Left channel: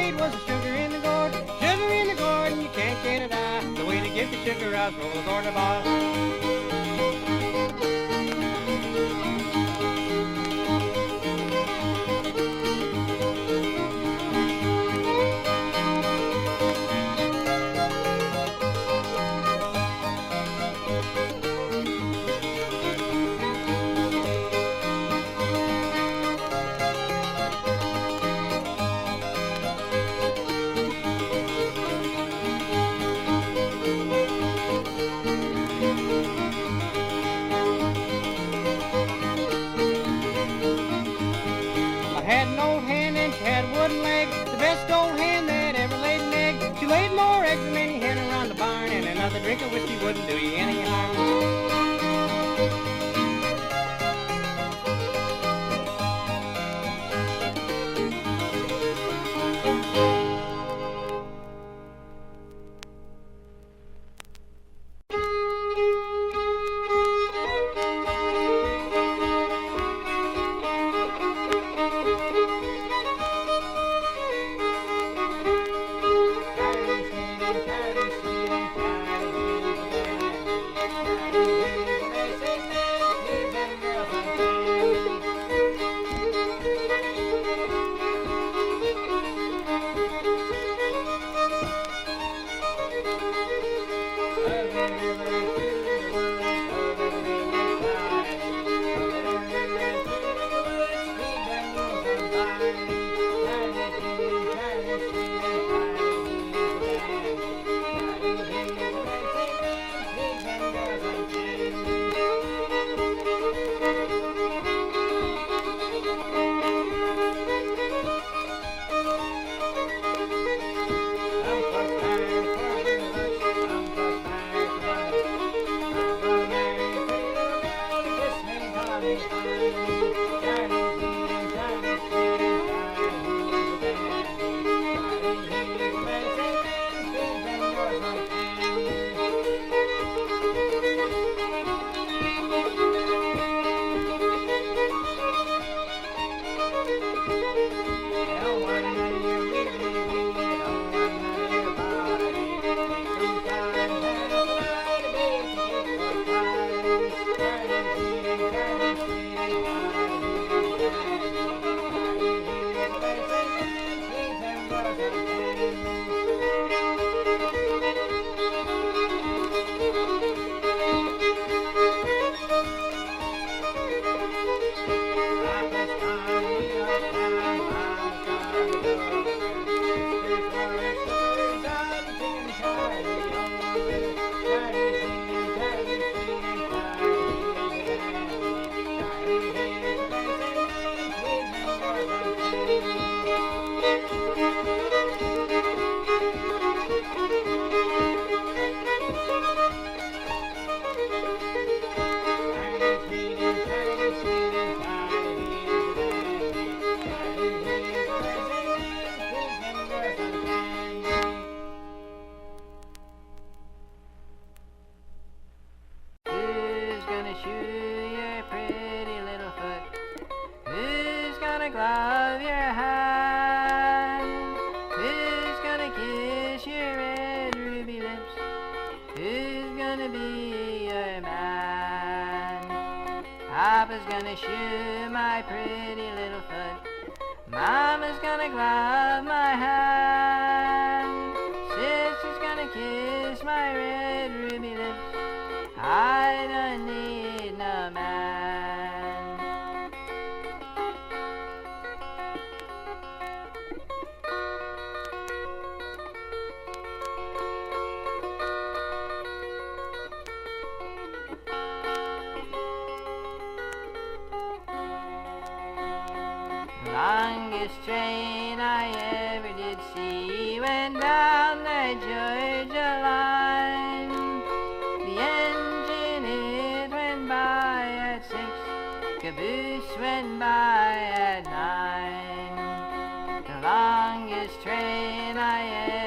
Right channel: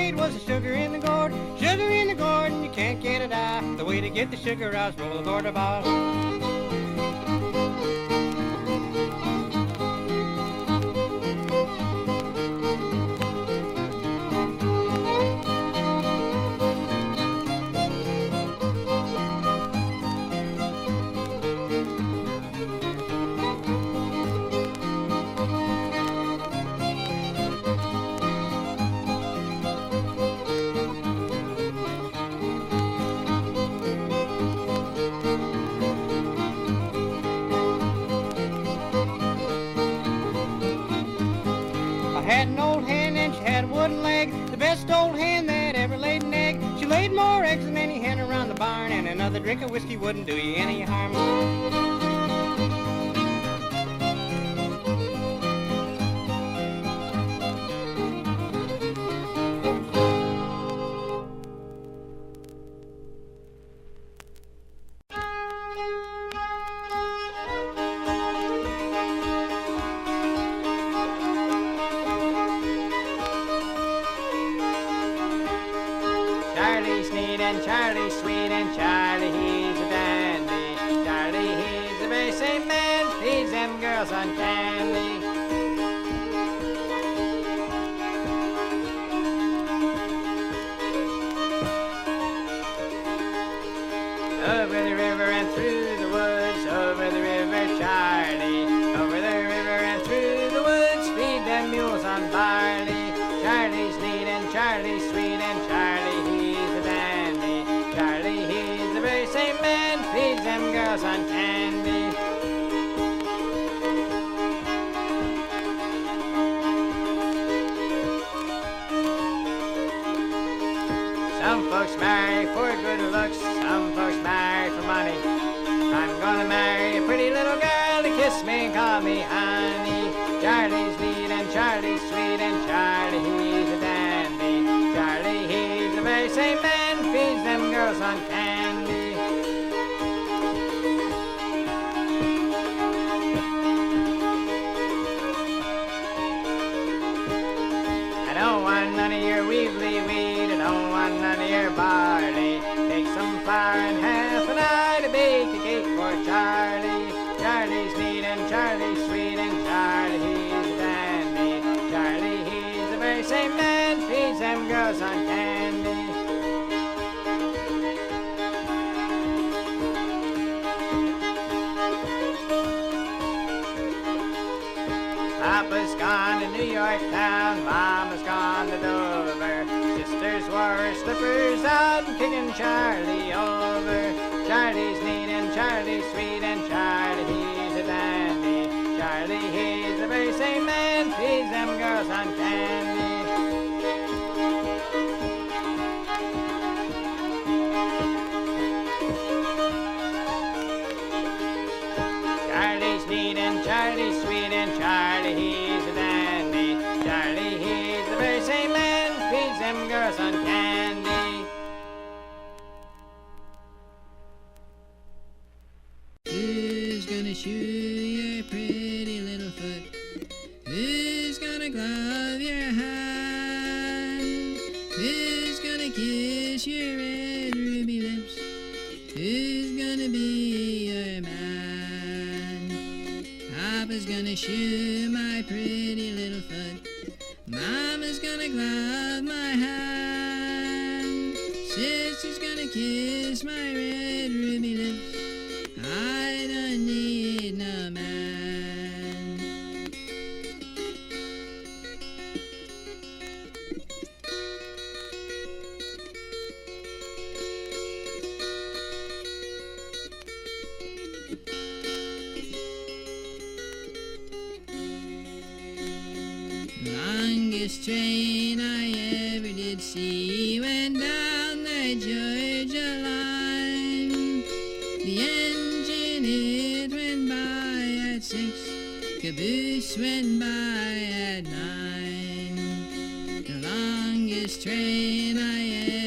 played was the sugar in the gourd. Sugar in the gourd and you can't get it out. The way to get the sugar out is roll a gourd about. Had an old hen and she had a wooden leg, the best old hen that ever laid an egg. She laid more eggs than any hen around the barn, and another drink of whiskey wouldn't do you any harm. Charlie's sweet and Charlie, he's a dandy. Charlie, he's a very same man, he's them girls on candy. Over the river and through the woods, over the river, Charlie. Over the river and through the woods, feed them mules on barley. Charlie's neat and Charlie's sweet and Charlie, he's a dandy. Charlie, he's the very same man, feeds them girls on candy. Some folks marry for good looks, some folks marry for money. I'm gonna marry a pretty little girl to kiss me and call me honey. Charlie's neat and Charlie's sweet and Charlie, he's a dandy. Charlie, he's the very same man, feeds them girls on candy. I don't want none of your weebly weed, I don't want none of your barley. Take some flour and half an hour to bake a cake for Charlie. Charlie's neat and Charlie's sweet and Charlie, he's a dandy. Charlie, he's the very same man, feeds them girls on candy. Papa's gone to New York town, Mama's gone to Dover. Sisters wore her slippers out and kicking Charlie over. Charlie's neat and Charlie's sweet and Charlie, he's a dandy. Charlie, he's the very same man, feeds them girls on candy. Charlie's neat and Charlie's sweet and Charlie, he's a dandy. Charlie, he's the very same man, feeds them girls on candy. Who's gonna shoe your pretty little foot? Who's gonna glove your hand? Who's gonna kiss your red ruby lips? Who's gonna be your man? Papa's gonna shoe my pretty little foot. Mama's gonna glove my hand. Sister's gonna kiss my red ruby lips. I don't need no man. Longest train I ever did see went down the Georgia line. The engine, it went by at 6, caboose went by at 9. The longest train I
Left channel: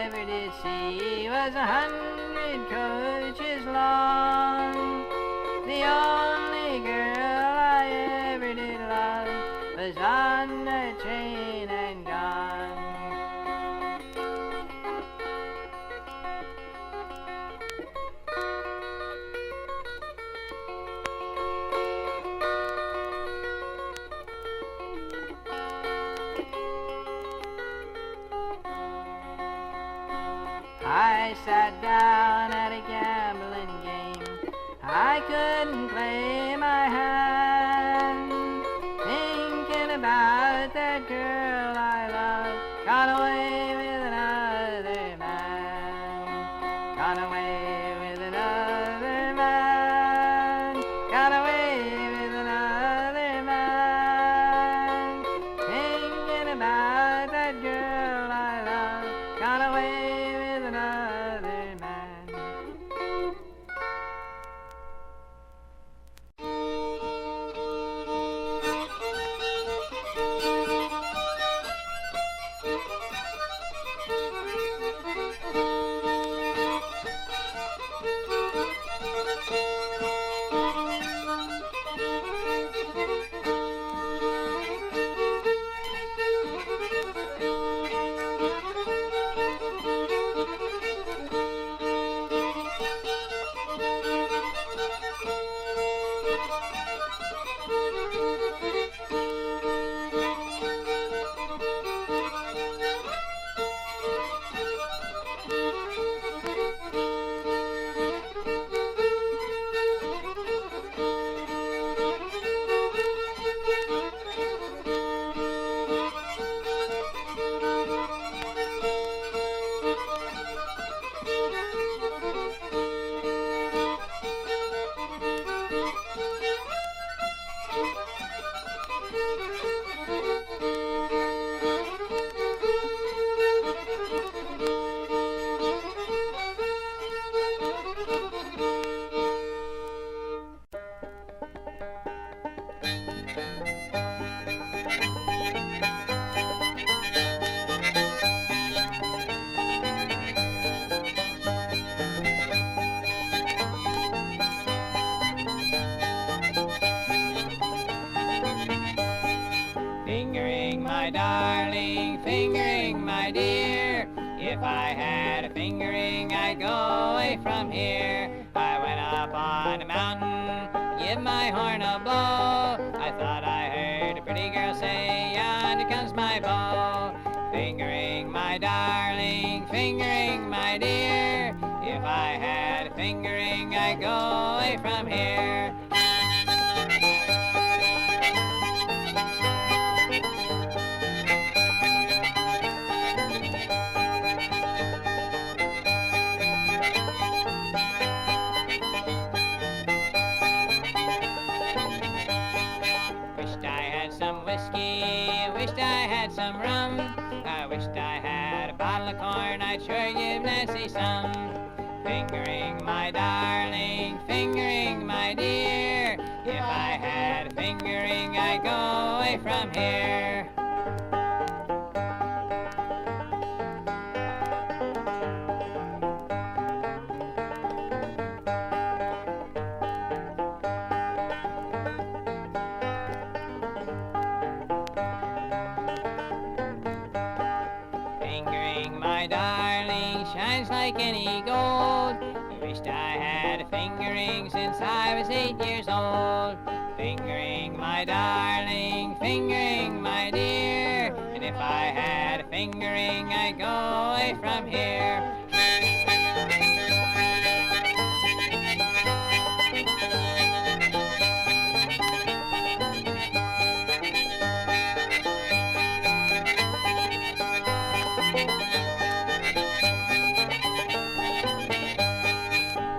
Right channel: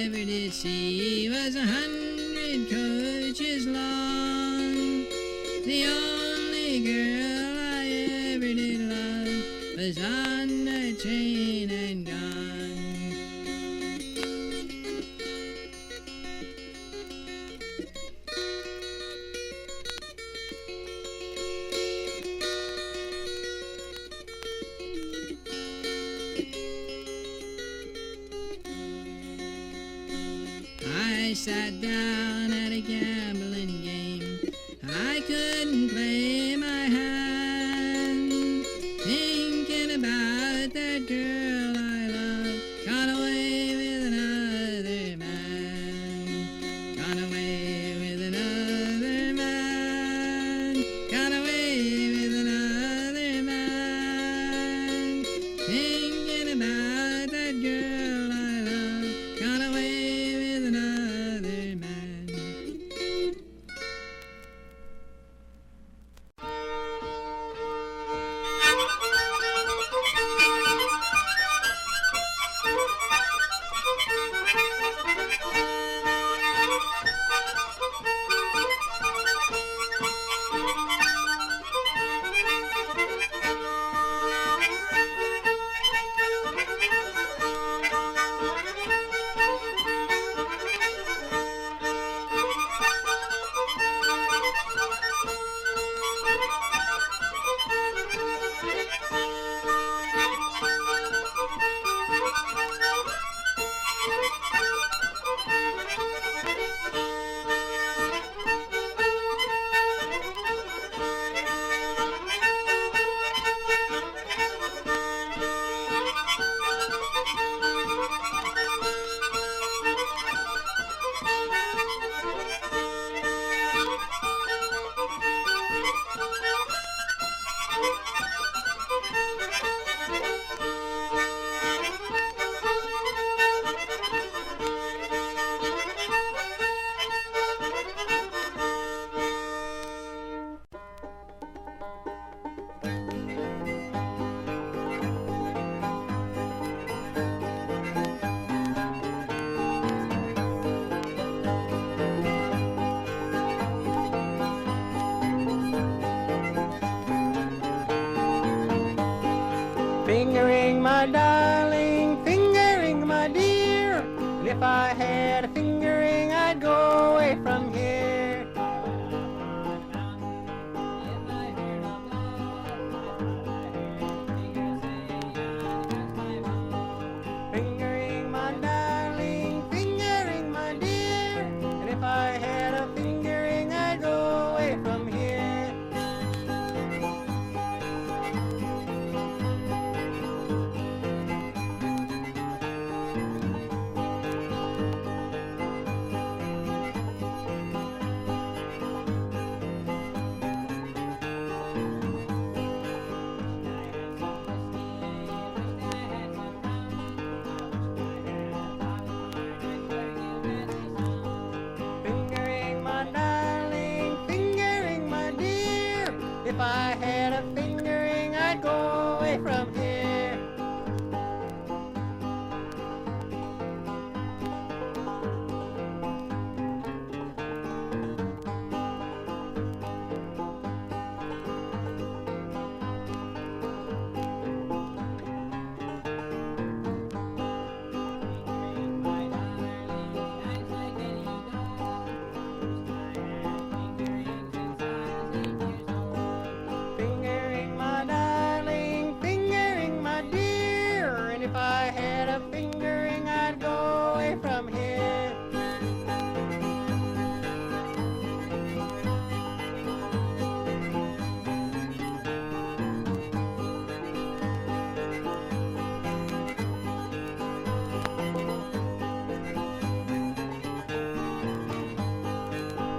ever did see was 100 coaches long. The only girl I ever did love was on the train and gone. I sat down at a gambling game. I couldn't play my hand, thinking about that girl I love, gone away with another man, gone away with another man, gone away with another man, thinking about that girl I love, gone away with another man. Fingering my darling, fingering my dear. If I had a fingering, I'd go away from here. I went up on a mountain, give my horn a blow. I thought I heard a pretty girl say, yonder comes my beau. Fingering my darling, fingering my dear. If I had a fingering, I'd go away from here. From here. Fingering my darling shines like any gold. Wished I had a fingering since I was 8 years old. Fingering my darling, fingering my dear. And if I had a fingering, I'd go away from here.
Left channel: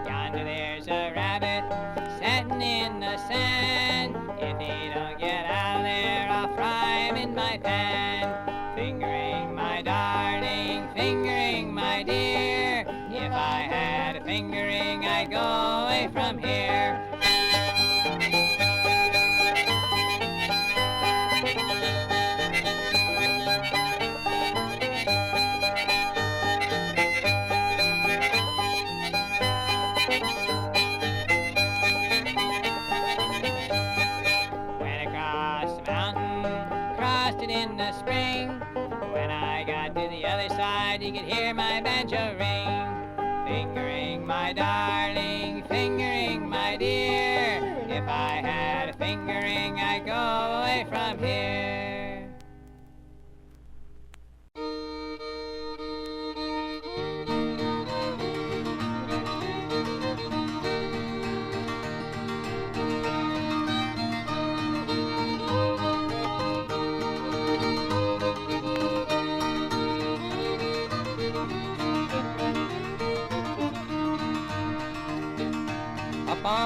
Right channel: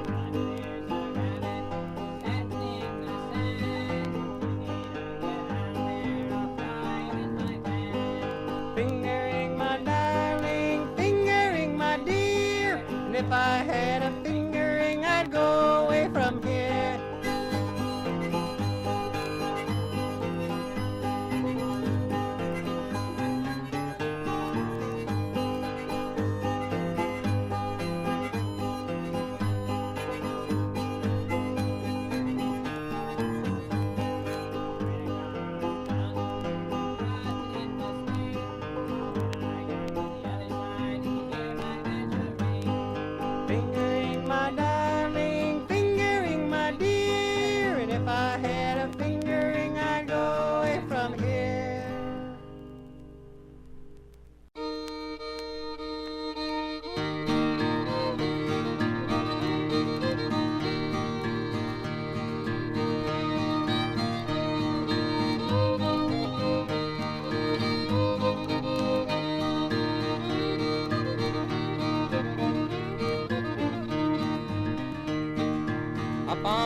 Yonder there's a rabbit sitting in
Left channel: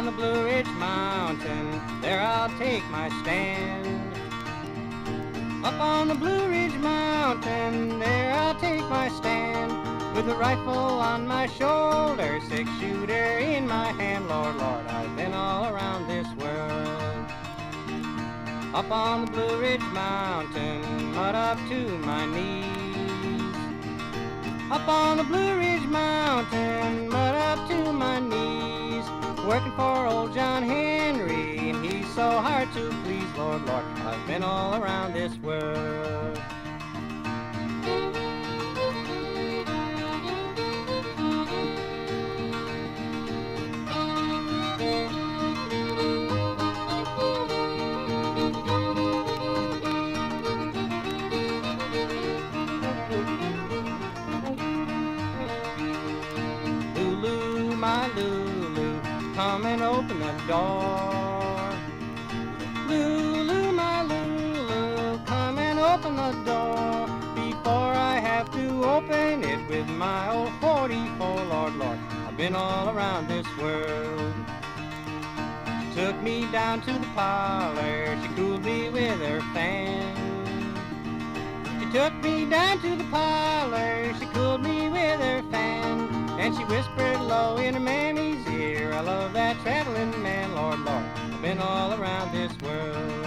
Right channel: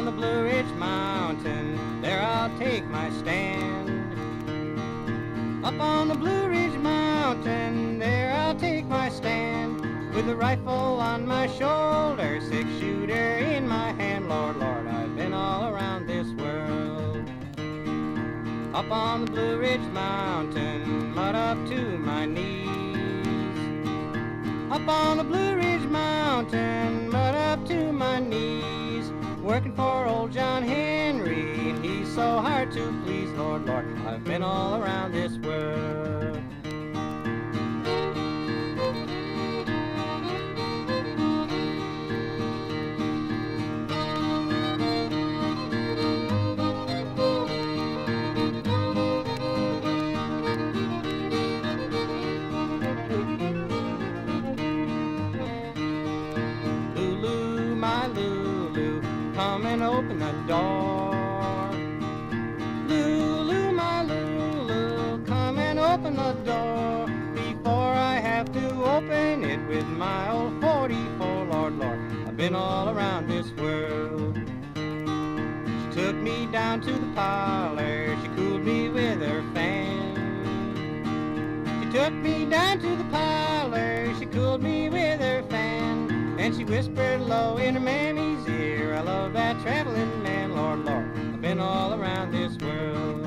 the Blue Ridge Mountain, there I'll take my stand. Up on the Blue Ridge Mountain, there I'll take my stand. With a rifle on my shoulder, six-shooter in my hand. Lord, Lord, I've been all around this world. Up on the Blue Ridge Mountain, mud up to my knees. Up on the Blue Ridge Mountain, mud up to my knees. Working for old John Henry, and he's so hard to please. Lord, Lord, I've been all around this world. Come and open the door. Lulu, my Lulu, come and open the door. Before I have to open it with my old 44, Lord, Lord, I've been all around this world. She took me down to the parlor, she cooled me with her fan. She took me down to the parlor, she cooled me with her fan. And she whispered low in her mammy's ear, I love that traveling man, Lord, Lord, I've been all around this world.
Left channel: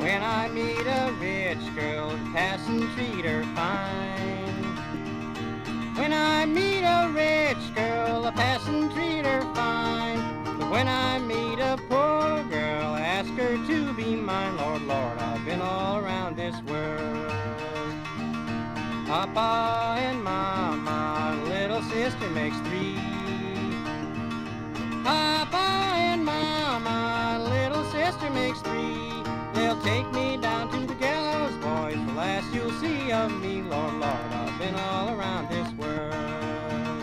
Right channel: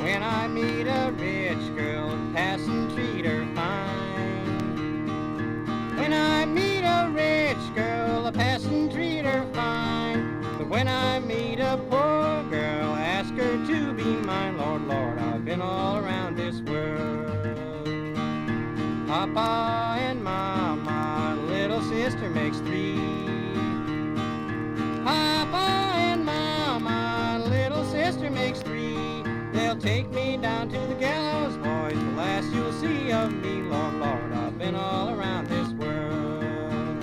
When I meet a rich girl, pass and treat her fine. When I meet a rich girl, I pass and treat her fine. But when I meet a poor girl, I ask her to be mine. Lord, Lord, I've been all around this world. Papa and Mama, little sister makes three. Papa and Mama, little sister makes three. They'll take me down to the gallows, boys, the last you'll see of me. Lord, Lord, I've been all around this world.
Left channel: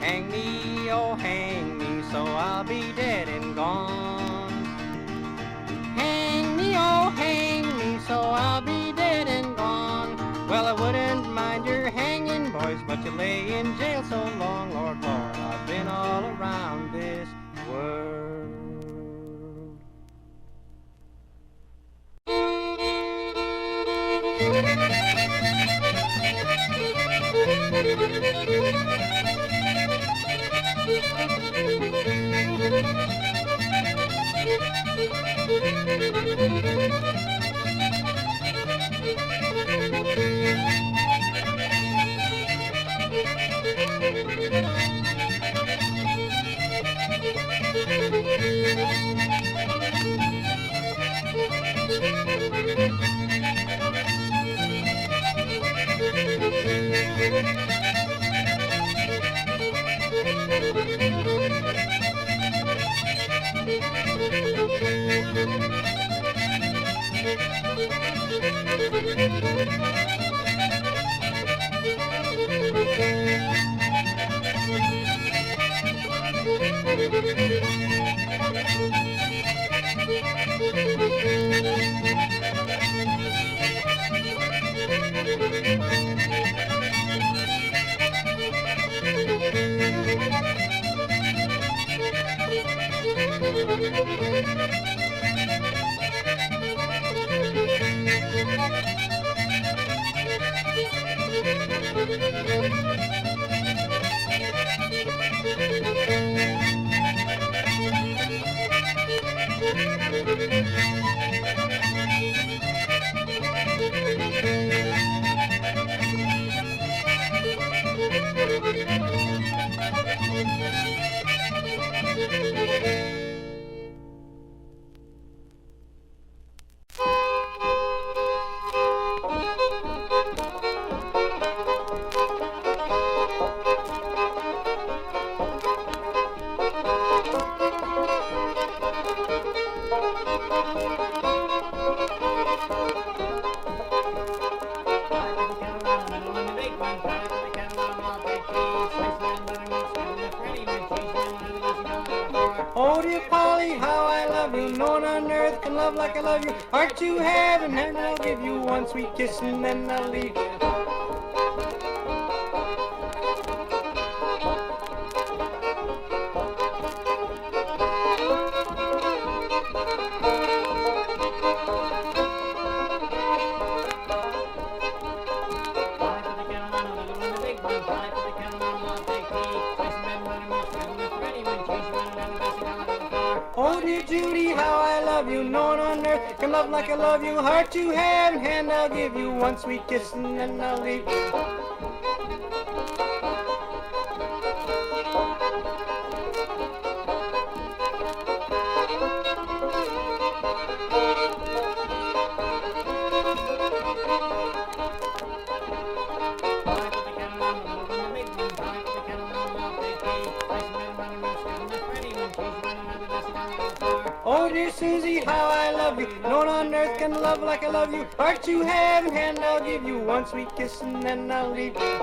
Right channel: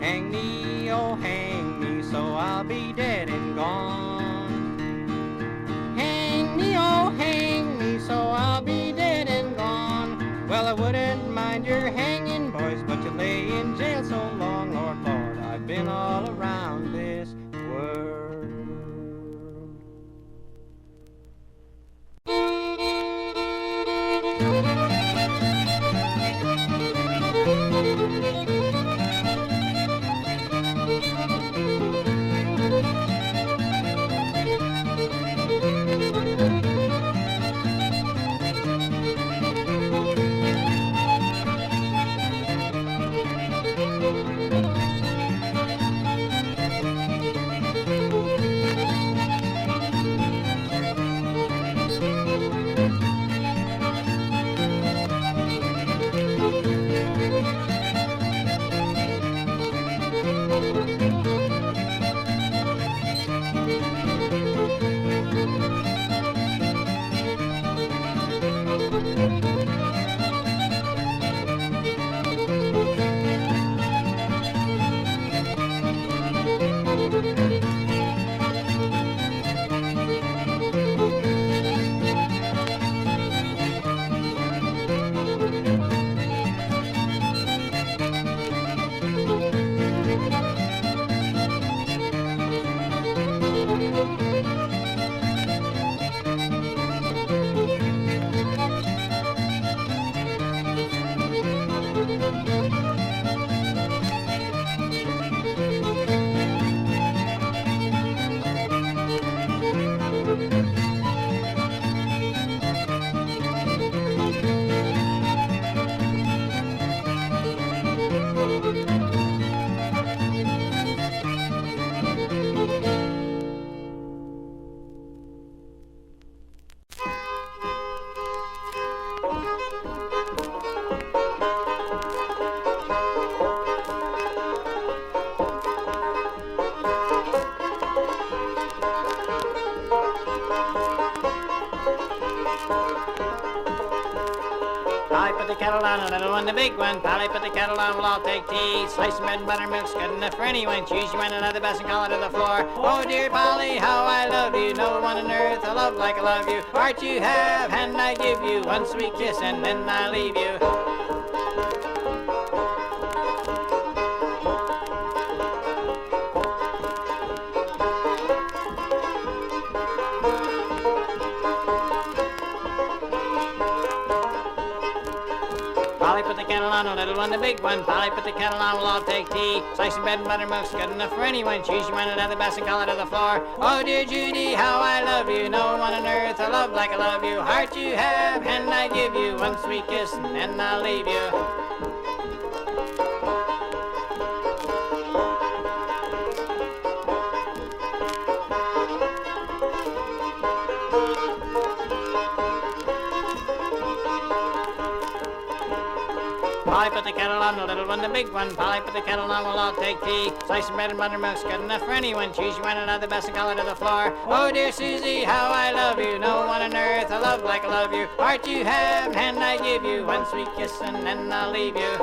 Hang me, oh hang me, so I'll be dead and gone. Hang me, oh hang me, so I'll be dead and gone. Well, I wouldn't mind your hanging, boys, but you lay in jail so long. Lord, Lord, I've been all around this world. Polly, put the kettle on, a little one, the big one. Polly, put the kettle on, we'll all take tea. Slice of bread and buttermilk's good enough for anyone. Choose you one another best and call it to the floor. Oh dear Polly, how I love you. No one on earth I love like I love you. Heart you have, and I give you one sweet kiss, and then I leave you. A little one, the big one. Polly, put the kettle on, we'll all take tea. Slice of bread and buttermilk's good enough for anyone. Choose you one another best and call it to the floor. Oh dear Judy, how I love you. No one on earth I love like I love you. Heart you have, and I give you one sweet kiss, and then I'll leave you. A little one, the big one. Polly, put the kettle on, we'll all take tea. Slice of bread and buttermilk's good enough for anyone. Choose you one another best and call it to the floor. Oh dear Susie, how I love you. No one on earth I love like I love you. Heart you have, and I give you one sweet kiss, and then I'll leave you.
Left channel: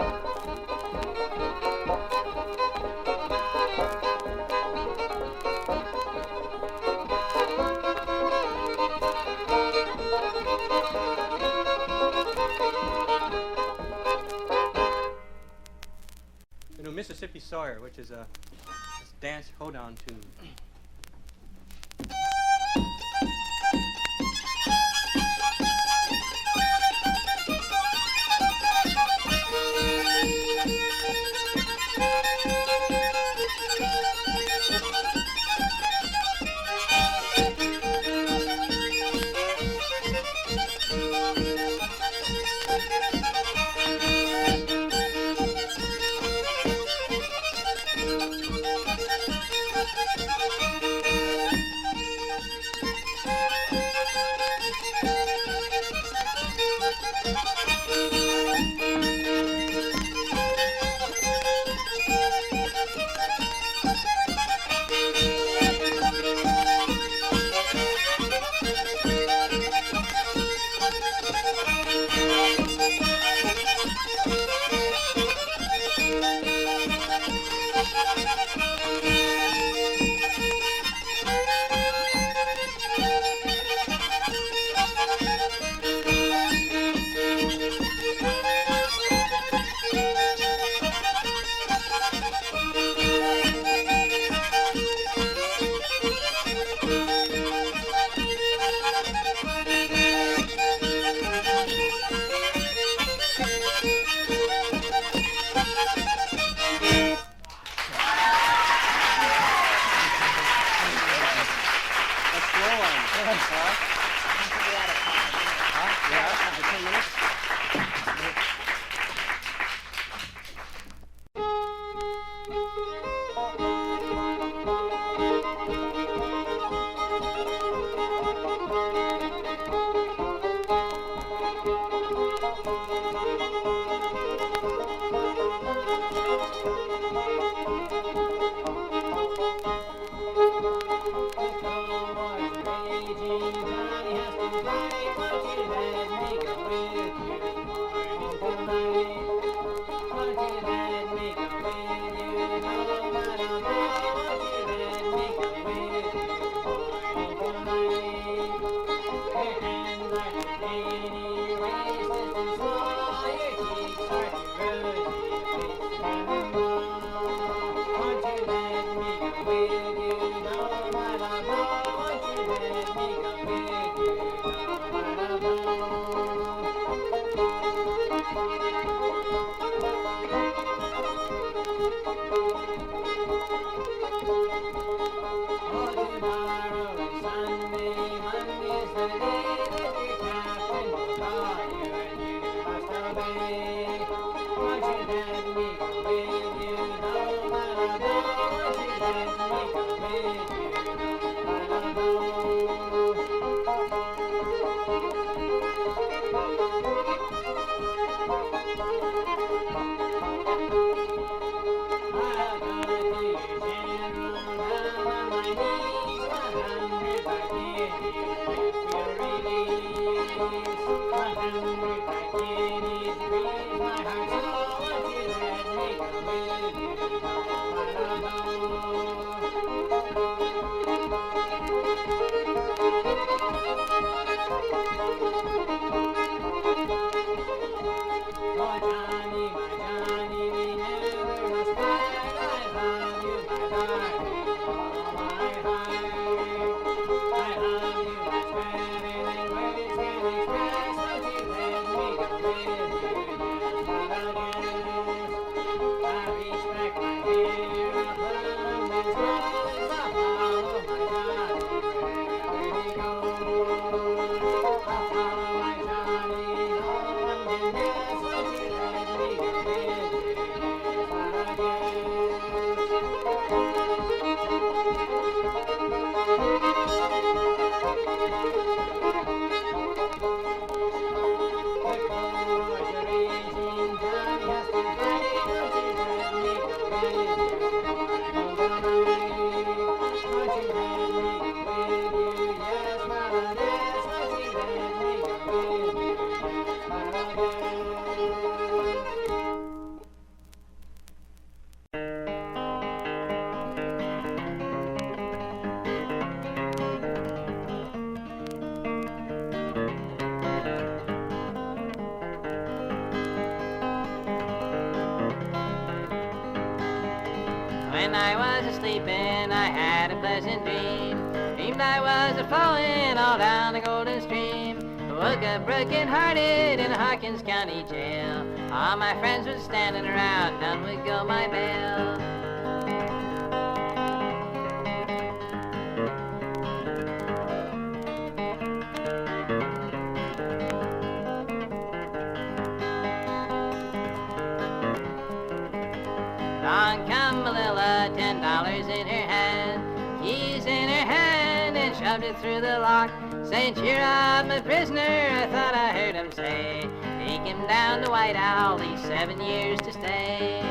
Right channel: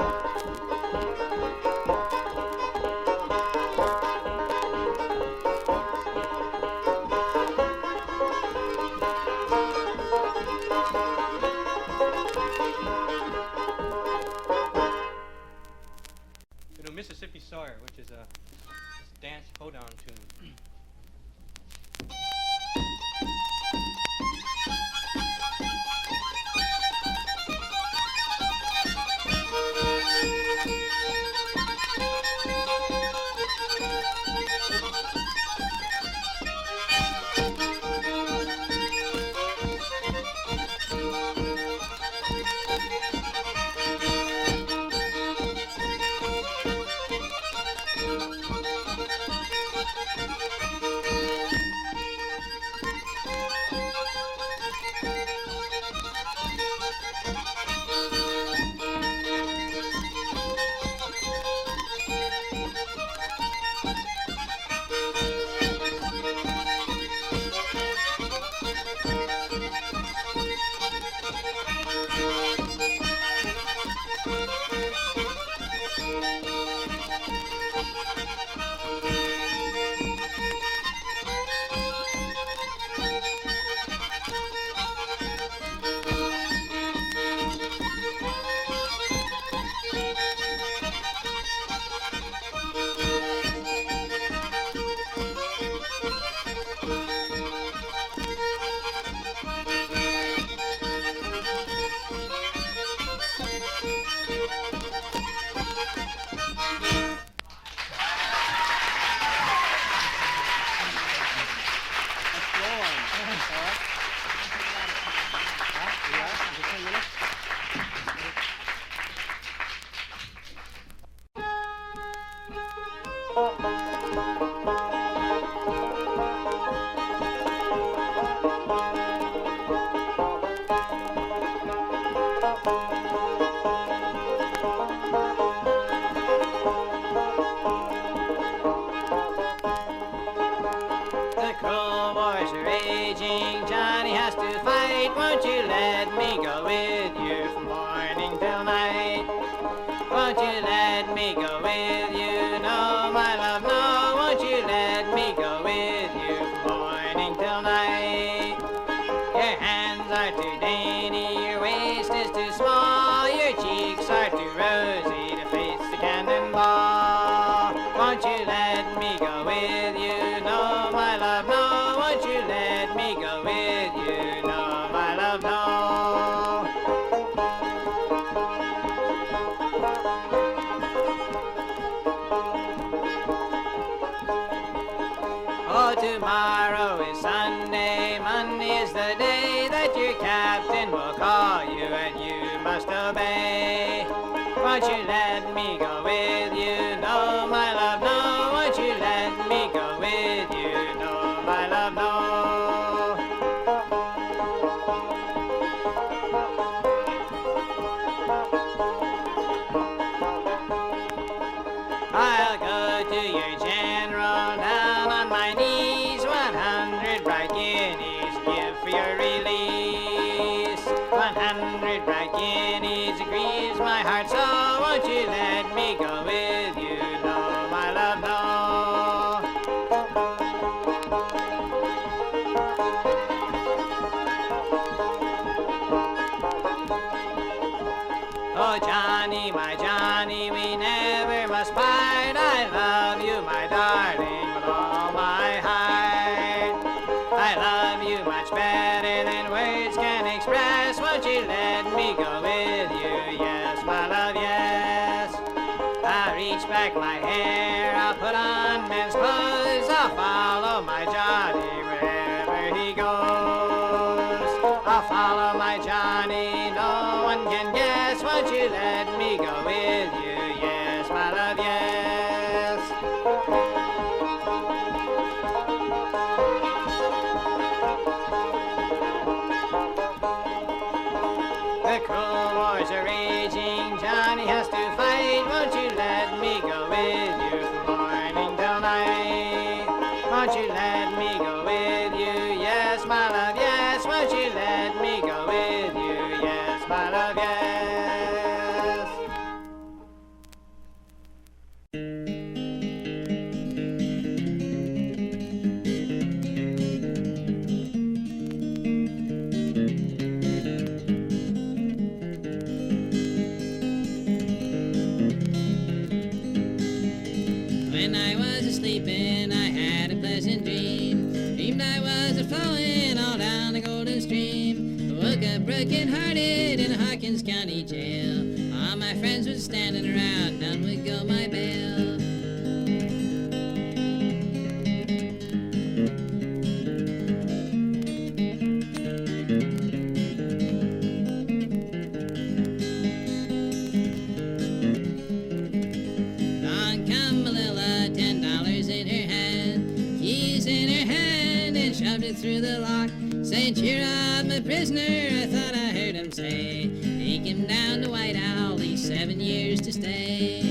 Mississippi Sawyer, which is a dance hold-on tune. Guineas 'cause it grieves my heart so. Won't you let me go with you? No, my love, no. Oh, Johnny, my Johnny, we never must part. I love you, my darling, with all my heart. I love you much better than words can express. Won't you let me go with you? Yes, my love, yes. I'll reach back my hair, I'll put on men's clothes. I'll follow my Johnny wherever he goes. I'll follow my Johnny, no one can guess. Won't you let me go with you? Yes, my love, yes. The cruel wars are raging, Johnny has to fight. Won't you let me go with you from morning till night? Won't you let me go with you? Yes, my love, yes. Won't you let me go with you? Yes, my love, yes. When I was asleepin', I had a pleasant dream. Dreamed I was a-flowin' all down the golden stream. Woke up broken-hearted in a Hawkins County jail. All my friends was standing around, none would go my bail. Along come Malilla, $10 in her hand, keys in her hand, and shoved it through the lock. Saying, cheer up, my prisoner, I thought I heard him say, take him down to White Owl, he's 7 years to stay.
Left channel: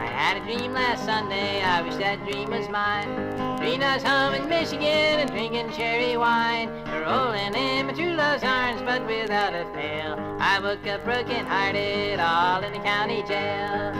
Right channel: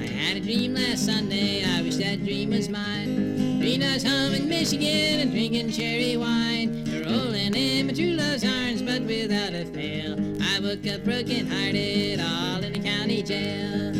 I had a dream last Sunday, I wish that dream was mine. Dreamed I was home in Michigan and drinking cherry wine, rolling in my true love's arms, but without a fail, I woke up broken-hearted, all in the county jail.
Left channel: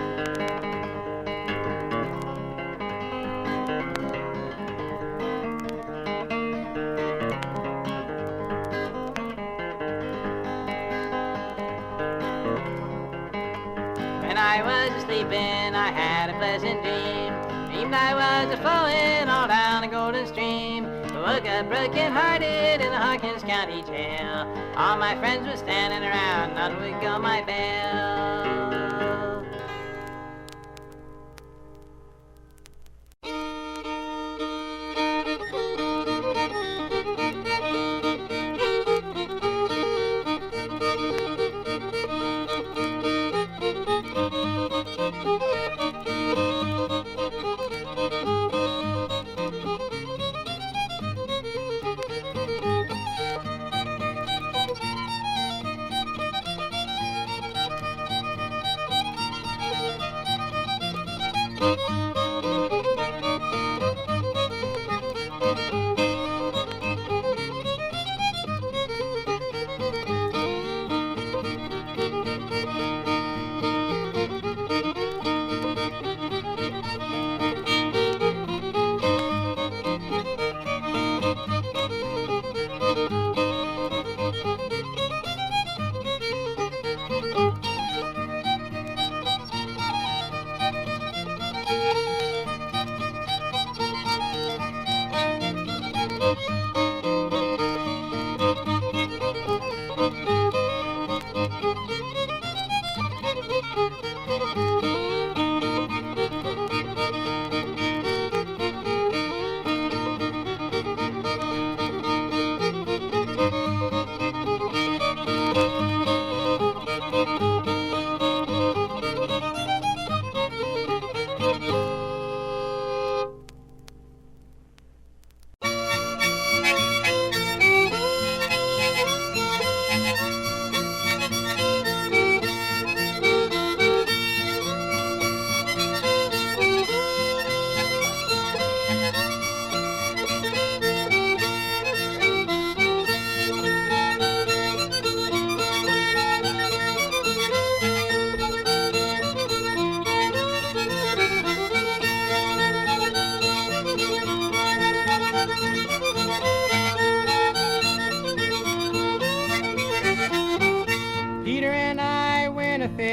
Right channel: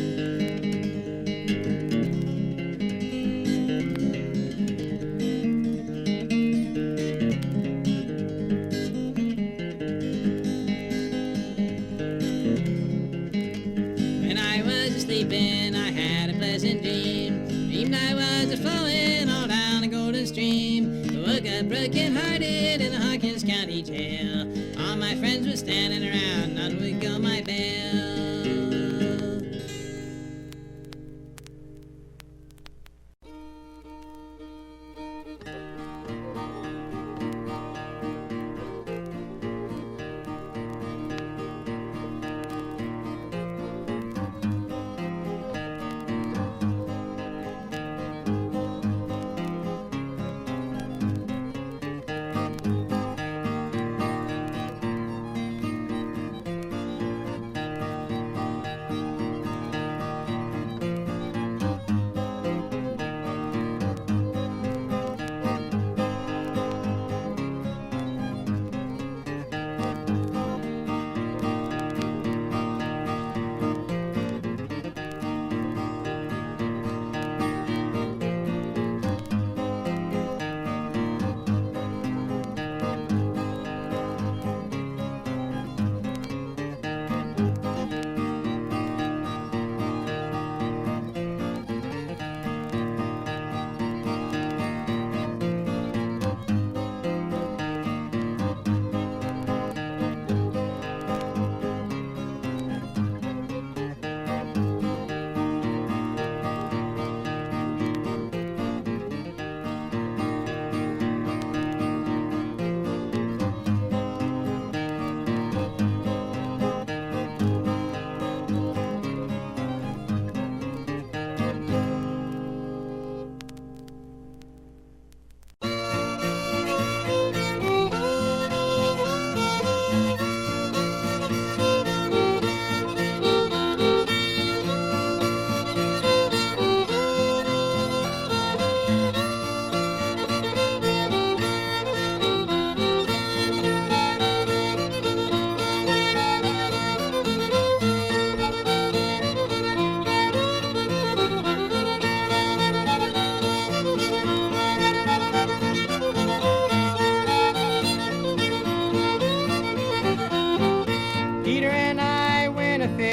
When I was sleeping, I had a pleasant dream. Dreamed I was a-flowin' all down the golden stream. Woke up broken-hearted in the Hawkins County jail. All my friends were standing around, none would go my bail.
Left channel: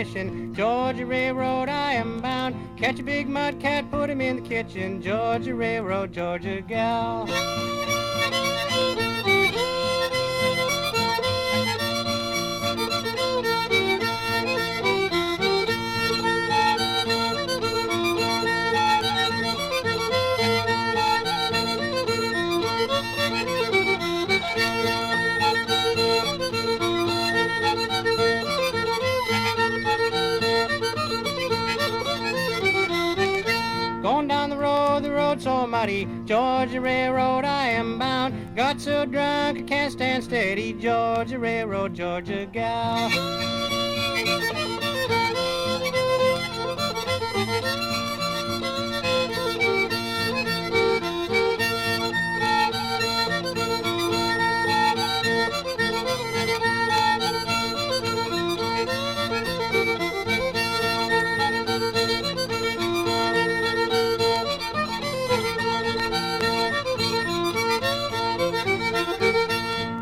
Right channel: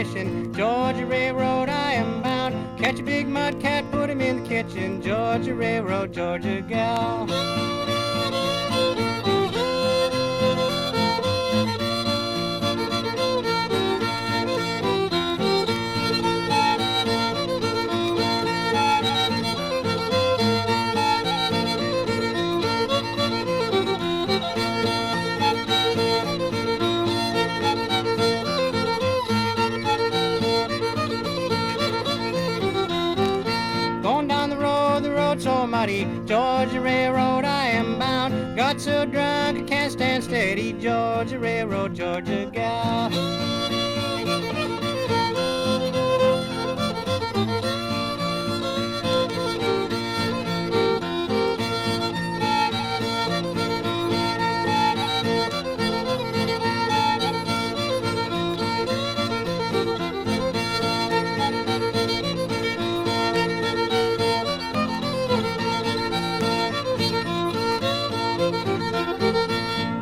fishing. Georgia Railroad, I am bound. Catch a big mud cat, put him in the kitchen. Georgia Railroad, Georgia gal. Going down the road so muddy. Georgia Railroad, I am bound. Got so drunk I can't stand steady. Georgia Railroad, Georgia gal.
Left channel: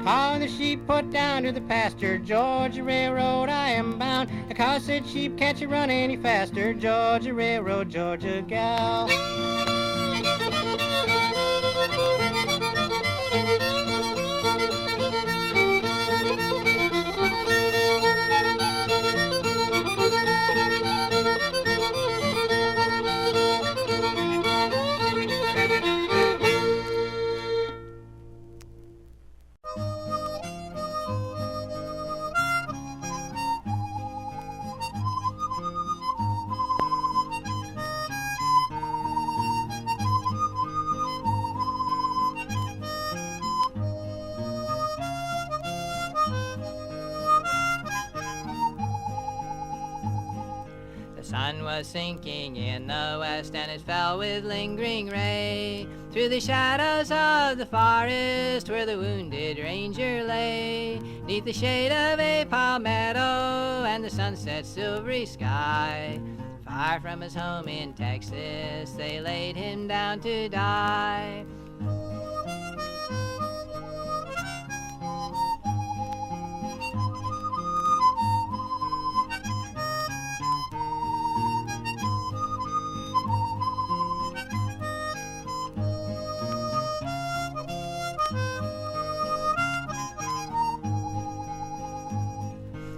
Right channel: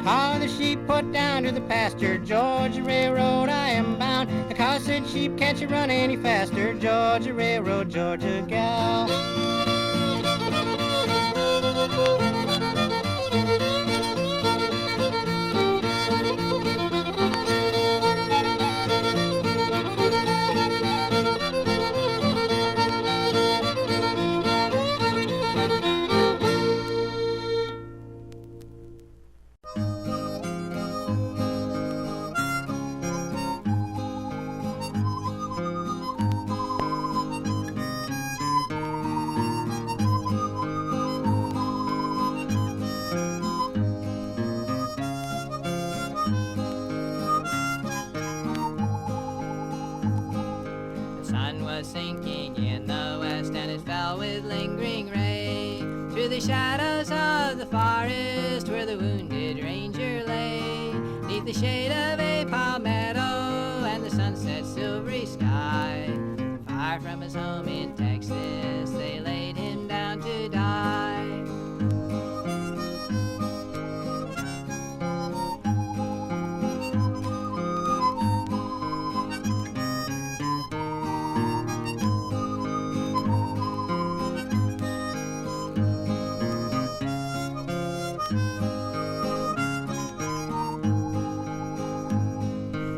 How the sheep put down to the pasture. Georgia Railroad, I am bound. The cow said sheep can't you run any faster. Georgia Railroad, Georgia gal. The sun was sinking in the west, and it fell with lingering ray through the shadows of the forest where the wounded ranger lay. 'Neath the shade of a palmetto and the sunset's silvery sky, far from his home in Texas, they laid him down to die.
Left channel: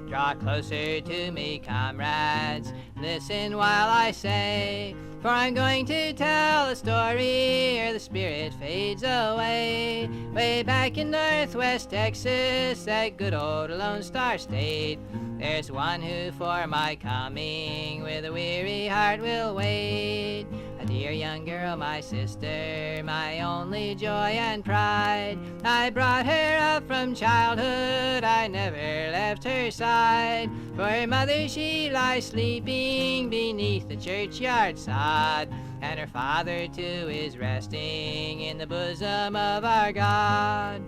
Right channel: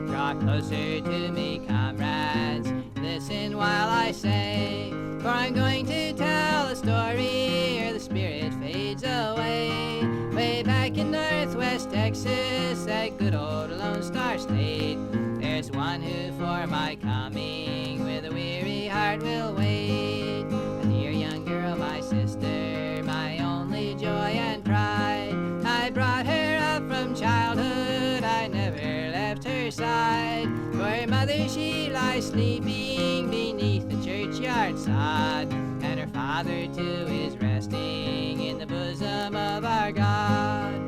Draw closer to me, comrades, listen while I say, for I'm going to tell a story ere the spirit fades away. Way back in northwest Texas, that good old Lone Star State, there's one who for my coming with a weary heart will wait. A dear young girl, my sister, my only joy and pride. I brought her up from childhood, I never left her side. For her mother she lies sleeping beneath the churchyard sod, and her father too is resting in the bosom of our God.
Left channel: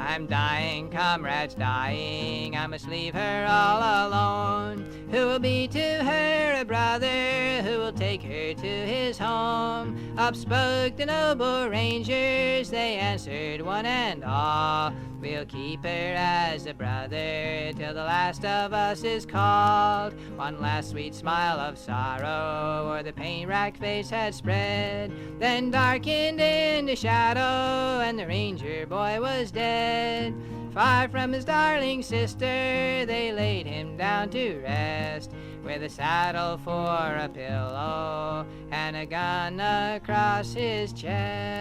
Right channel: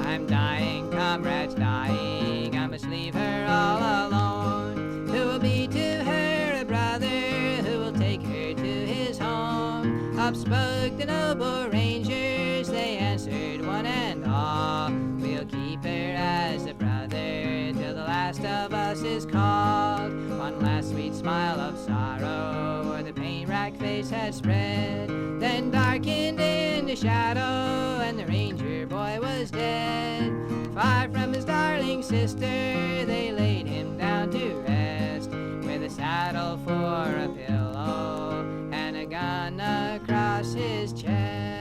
I'm dying, comrades, dying, I must leave her all alone. Who will be to her a brother, who will take her to his home? Up spoke the noble rangers, they answered one and all, we'll keep her as a brother till the last of us is called. One last sweet smile of sorrow o'er the pain-racked face had spread, then darkened into shadow, and the ranger boy was dead. Far from his darling sister, they laid him down to rest, with a saddle for a pillow and a gun across his chest.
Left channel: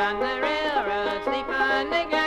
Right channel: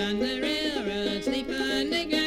on the railroad, sleep on the ground.